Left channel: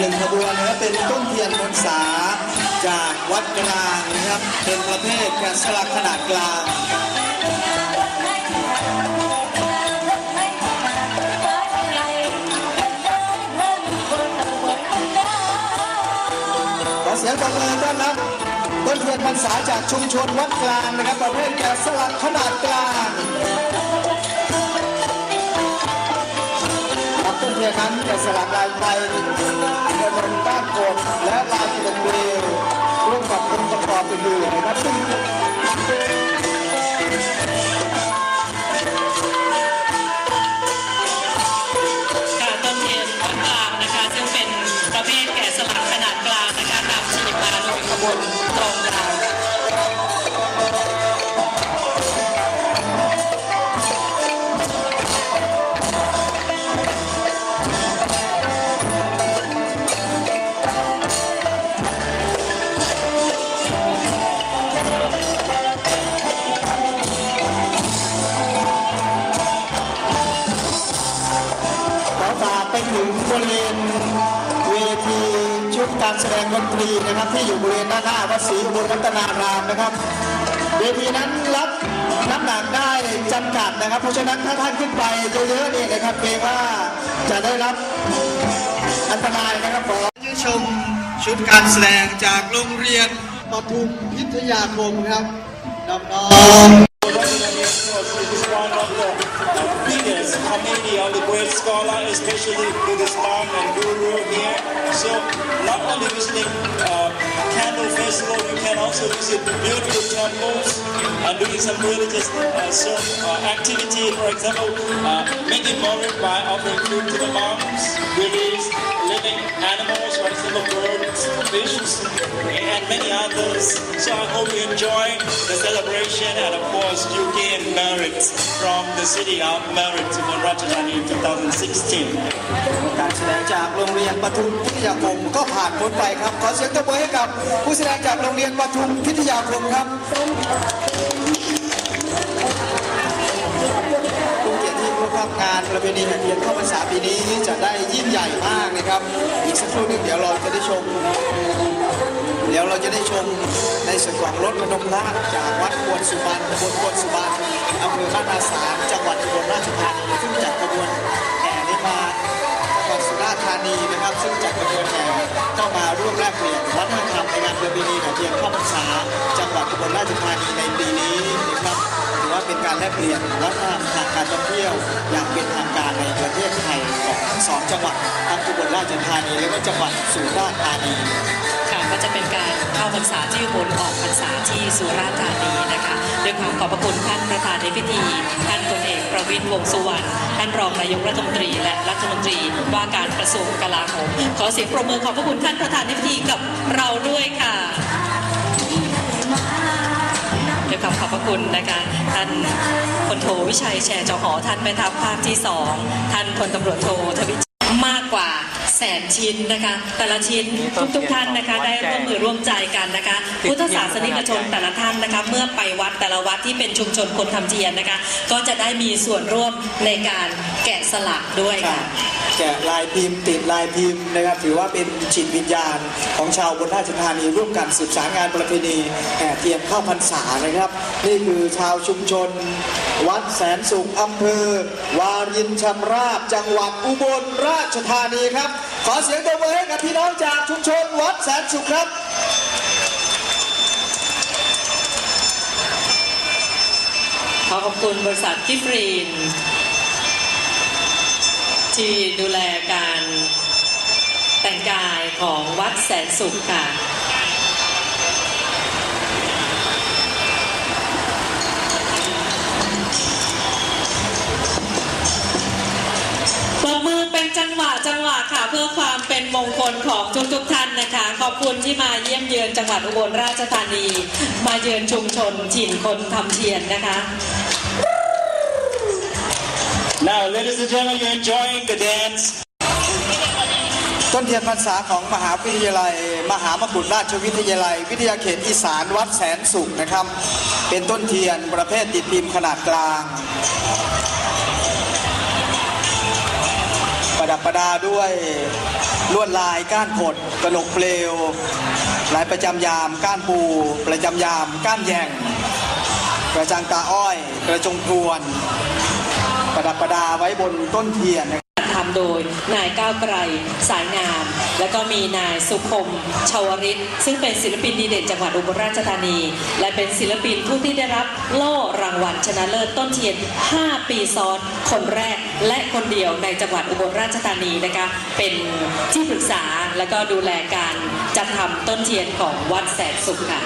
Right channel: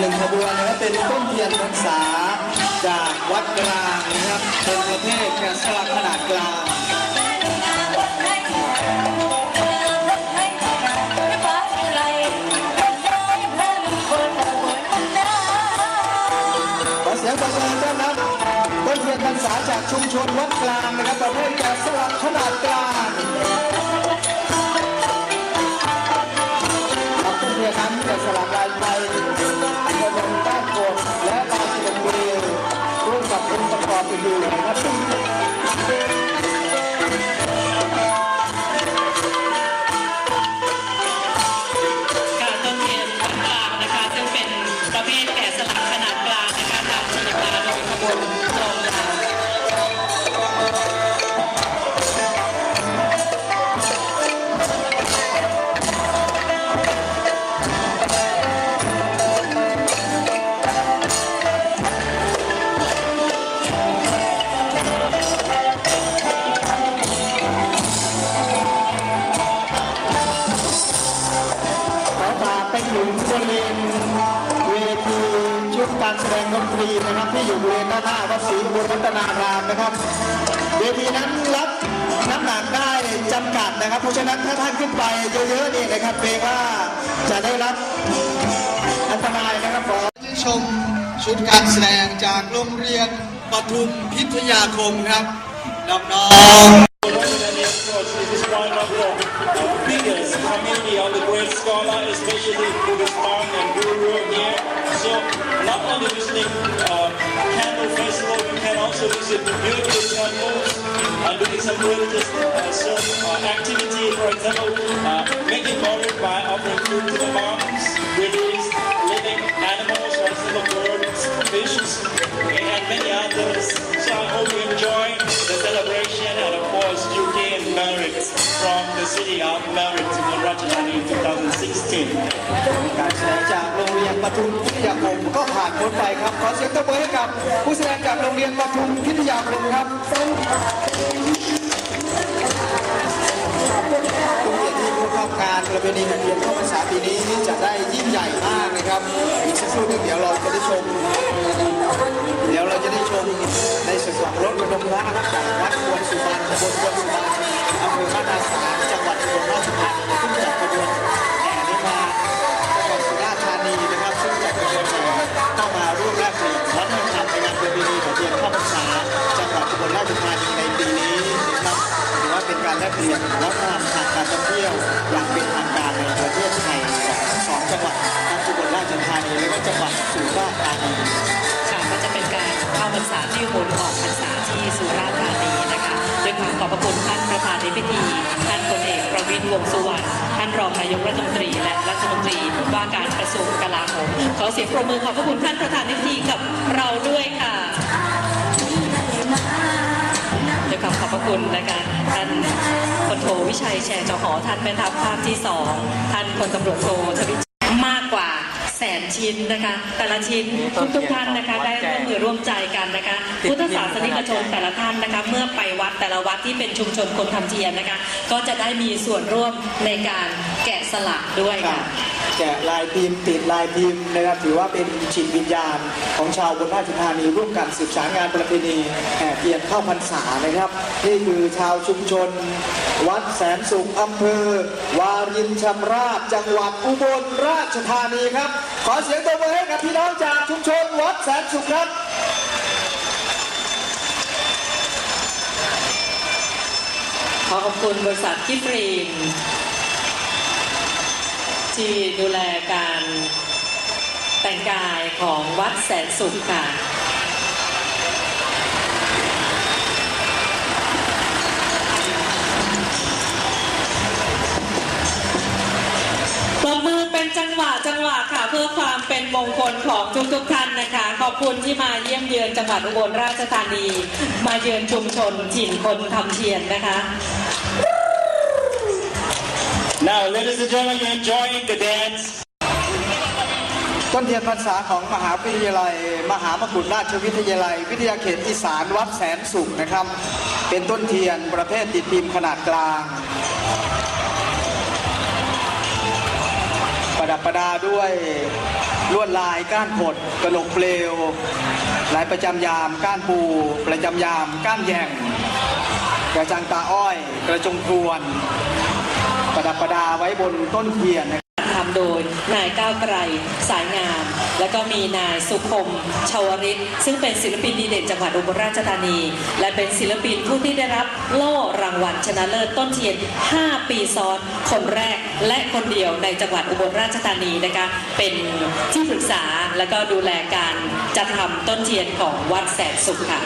หนึ่งขบวนนะครับเป็นต้นเทียนพรรษาจากวัดกลางนะครับเป็นประเภทแกะสลักขนาดกลางขอเสียงปรบมือต้อนรับต้นเทียนพรรษาจากชุมชนวัดกลางนะครับประเภทแกะสลักขนาดกลาง ครับต้นเทียนั้นแกะสลักลายไทยกระดงต้านกดและลายกินบุรีร่วมกับองค์ประกอบอื่นๆนะครับซึ่งการต้นเทียนวัดกลางนะคะซึ่งเป็นประเภทแกะสลักขนาดกลางนะคะนำขึ้นมาลงขบวน การแสดงดนตรีนะครับ ที่อยู่บริเวณด้านหน้าวัดศรีอุบลรัตนารามนะครับเวทีนั้นรับน้ำหนักได้จำกัดนะครับ เพราะฉะนั้นถ้าท่านขึ้นไปเยอะๆนี่นะครับเกรงว่าจะได้รับอันตรายนะครับขอชื่ชมชุดการแสดงจากโรงเรียนปทุมพิทยาคมครับน้องๆ It is one of the uh, biggest community of the great scholar, especially Buddhist monk and guru here. So not only visiting uh, candle festival, you can also visit beautiful temples and doing some religious uh, so, uh, activity. For example, uh, making morit by offering food to the monks, release living animals, for example, birds, fish, and many others. So I hope you enjoy the celebration and of course you from the city of merit in Ratchathani in 2016. การแสดงจากโรงเรียนปทุมพิทยาคมก็ผ่านพ้นไปครับ ขอเสียงตบมือให้กับผู้แสดงจากโรงเรียนปทุมพิทยาคมครับผู้เกียรประเพณีแห่งเดือนเข้าพรรษาปีนี้จะได้ยิ่งใหญ่มากนะครับอีกสักครู่เดี๋ยวเราจะได้ชม ดี๋ยวเราจะได้ชมในส่วนของรถระดมน้ำจากวัดควรสุบรรณบลควรสุบรรณอำเภอบ้านาสารจังหวัดอุบลราชธานีซึ่งจัดกระบวนแห่นี้มาจังหวัดสุราษฎร์ธานีนะครับ ซึ่งจัดกระบวนแห่เข้ามาร่วมแลกเปลี่ยนวัฒนธรรมในงานประเพณีของเทียนเข้าพรรษาจังหวัดอุบลราชธานีในปีนี้นะครับถือว่าเป็นการแลกเปลี่ยนวัฒนธรรมทางการท่องเที่ยวอย่างเป็นทางการในประเทศไทยของทั้งสองจังหวัดทั้งอุบลราชธานีและจังหวัดสุราษฎร์ธานี รเข้าพรรษาที่บลออกพรรษาที่สุราษฎร์ธานีนะคะด้วยความขอบพระคุณท่านประธานในพิธี ท่านพลเอกประวิตรวงสุวรรณท่านรองนายกรัฐมนตรีและรัฐมนตรีว่าการกระทรวงกลาโหมขอเสียงปรบมือขอบพระคุณท่านประธานในพิธีกับเราด้วยค่ะด้วยความขอบพระคุณนะคะท่านพลโทวิชัยแชร์จอหอท่านแม่ทัพภาคที่สองท่านพลตำรวจโททวิชมากกว่า แสนชิ้นนะคะ แต่ละชิ้นทุกทุกๆท่านนะคะได้ร่วมมือร่วมใจกันนะคะ พุทธศาสนิกชนแต่ละท่านนะคะเมื่อไปวัดแต่ละวัดที่เป็นชุมชนคนทำเทียนนะคะ ก็จะได้มีส่วนร่วมในการแกะสลักด้วยครัค่ะ แกะลายพิมพ์ติดลายพิมพ์นะครับถือว่าเป็นจิตวิญญาณ ของชาวบนราชธานีร่วมกันสืบสารงานประเพณีแห่เทียนเข้าพรรษานะครับ นี่คือชาวชุมชน วัดแสนสุขอำเภอ วารินชำราบจังหวัดอุบลราชธานีครับ ขอเสียงตบมือให้กับพี่น้องจากชุมชนวัดแสนสุขครับขอขอบคุณบริษัทกิฟรีน ที่ดูแลการแต่งกายของวัดแสนสุขค่ะ ปรบมือเป็นจังหวะจังหวะค่ะ เพื่อความเป็นมงคลของทุกๆท่านนะคะ ขอบคุณที่มาเยี่ยมเยือนจังหวัดอุบลราชธานี มาเยือนชุมชนถิ่นคนทำเทียนนะคะ Now, ladies and gentlemen, you're enjoying the dance. ต้นเทียนพรรษาของมหาวิทยาลัย มหามกุฏราชวิทยาลัย วิทยาเขตอีสานวัดแสนสุขนะครับ เป็นต้นเทียนประเภทติดพิมพ์ขนาดกลาง ประดับประดาด้วยลวดลายก้านขดกระหนกเปลวลายประจำยามก้านปู ประจำยามก้านแยงกระจังตาอ้อย กระจงทวน ประดับประดาไว้บนต้นเทียนนะครับทำโดยนายก้าวไกรสายงาม แล้วก็มีนายสุคมชาวริตซึ่งเป็นศิลปินดีเด่นจังหวัดอุบลราชธานี และเป็นศิลปินผู้ที่ได้รับโล่รางวัลชนะเลิศต้นเทียน 5 ปีซ้อน คนแรกและคนเดียวในจังหวัดอุบลราชธานีนะคะเป็นที่ปรึกษาและก็ดูแลการจัดทำต้นเทียนของวัดแสนสุขค่ะ